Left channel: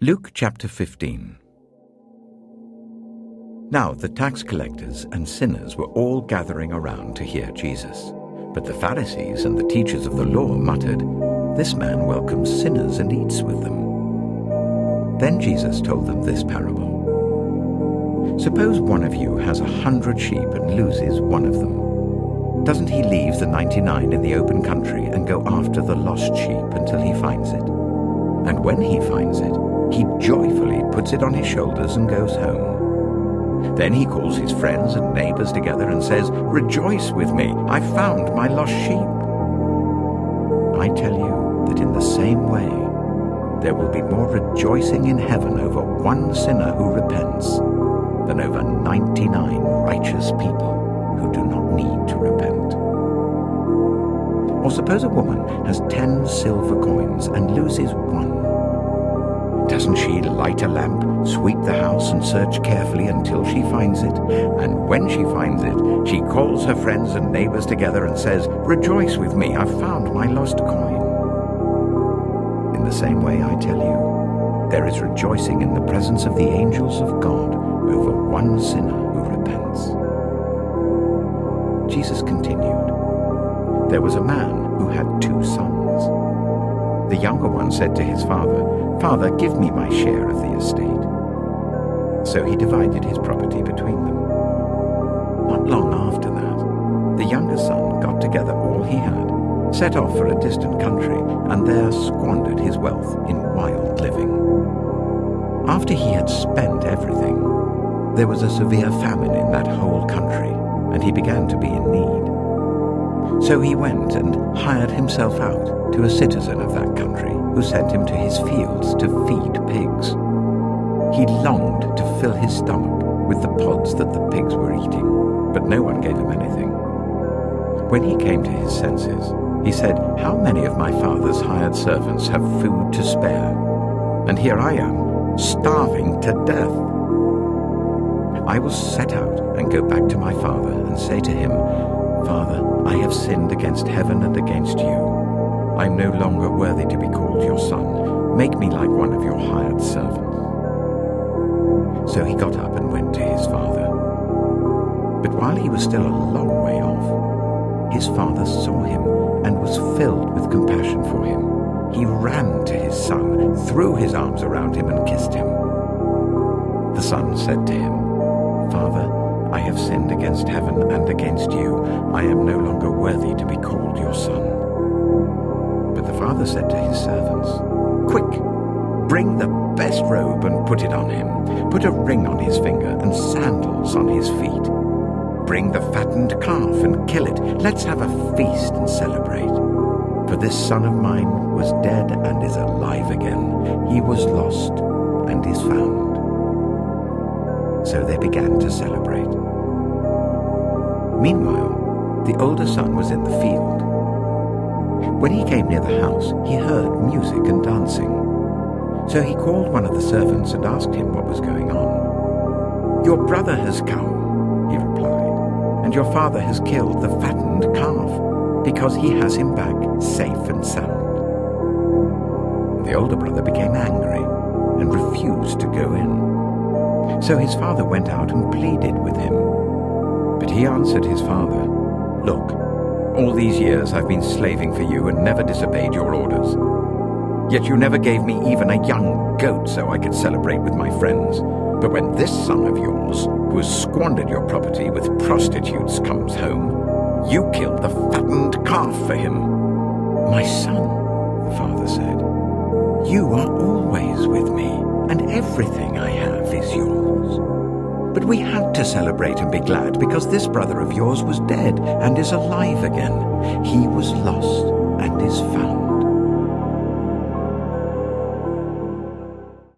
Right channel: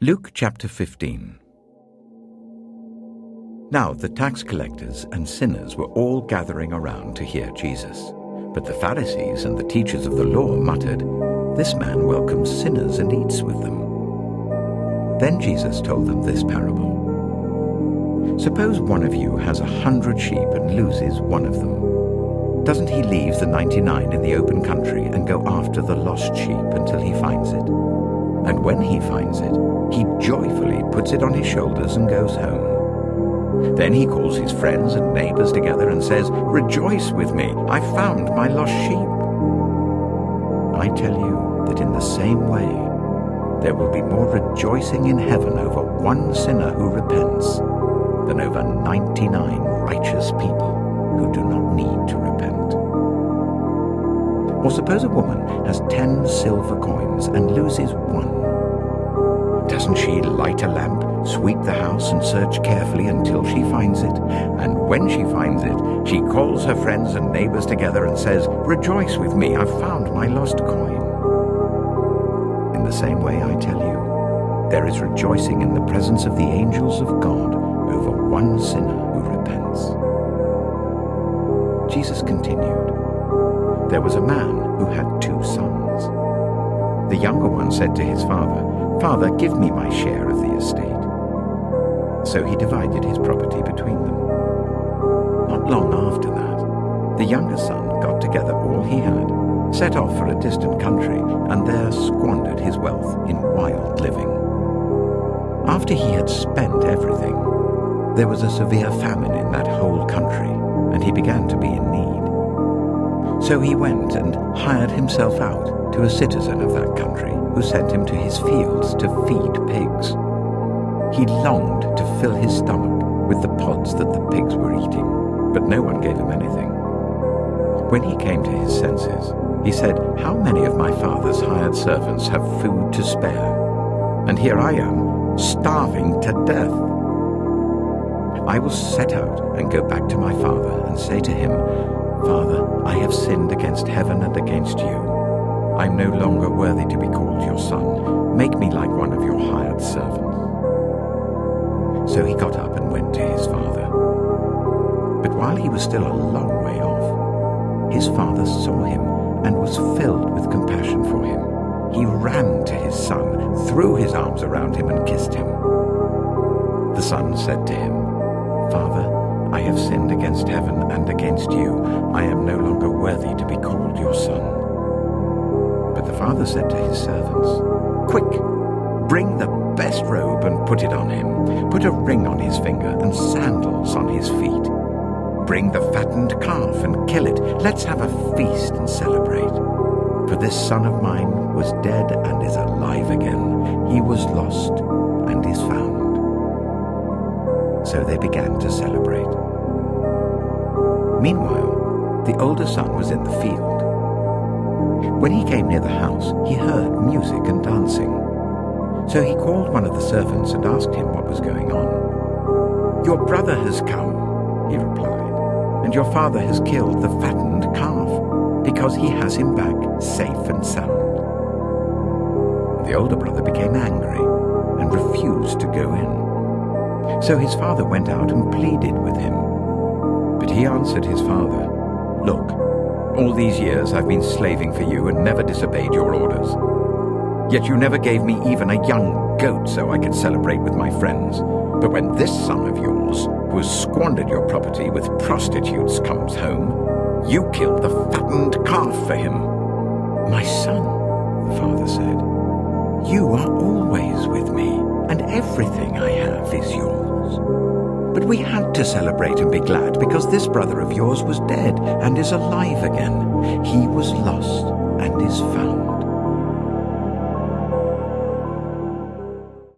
Luke chapter 15. Now the tax collectors and sinners were all gathering around to hear Jesus. But the Pharisees and the teachers of the law muttered, "This man welcomes sinners and eats with them." Then Jesus told them this parable. Suppose one of you has 100 sheep and loses one of them. Doesn't he leave the 99 in the open country and go after the lost sheep until he finds it? And when he finds it, he joyfully puts it on his shoulders and goes home. Then he calls his friends and neighbors together and says, "Rejoice with me, I found my lost sheep." I tell you that in the same way, there will be more rejoicing in heaven over one sinner who repents than over 99 righteous people who do not need to repent. Or suppose a woman has 10 silver coins and loses one. Doesn't she light a lamp, sweep the house, and search carefully until she finds it? And when she finds it, she calls her friends and neighbors together and says, "Rejoice with me, I've found my lost coin." In the same way, I tell you, there is rejoicing in the presence of the angels of God over one sinner who repents. Jesus continued, "There was a man who had 2 sons. The younger one said to his father, 'Father, give me my share of the estate.' So he divided his property between them. Not long after that, the younger son got together all he had, set off for a distant country, and there squandered his wealth in wild living. After he had spent everything, there was a severe famine in that whole country, and he began to be in need. So he went and hired himself out to a citizen of that country, who sent him to his fields to feed pigs. He longed to fill his stomach with the pods that the pigs were eating, but no one gave him anything. When he came to his senses, he said, 'How many of my father's hired servants have food to spare? And here I am, starving to death. I will set out and go back to my father and say to him, Father, I have sinned against heaven and against you. I am no longer worthy to be called your son. Make me like one of your hired servants.' So he got up and went to his father. But while he was still a long way off, his father saw him and was filled with compassion for him. He ran to his son, threw his arms around him and kissed him. The son said to him, 'Father, I have sinned against heaven and against you. I am no longer worthy to be called your son.' But the father said to his servants, 'Quick, bring the best robe and put it on him. Put a ring on his finger and sandals on his feet. Bring the fattened calf and kill it. Let's have a feast and celebrate. For this son of mine was dead and is alive again. He was lost and is found.' So they began to celebrate. Meanwhile, the older son was in the field. When he came near the house, he heard music and dancing. So he called one of the servants and asked him what was going on. 'Your brother has come,' he replied, 'and your father has killed the fattened calf, because he has him back safe and sound.' The older brother became angry and refused to go in. So his father went out and pleaded with him. But he answered his father, 'Look, all these years I've been slaving for you and never disobeyed your orders. Yet you never gave me even a young goat so I could celebrate with my friends. But when this son of yours, who has squandered your property with prostitutes, comes home, you killed the fattened calf for him.' 'My son,' the father said, 'you are always with me, and everything I have is yours. But we had to celebrate and be glad because this brother of yours was dead and is alive again. He was lost and is found.'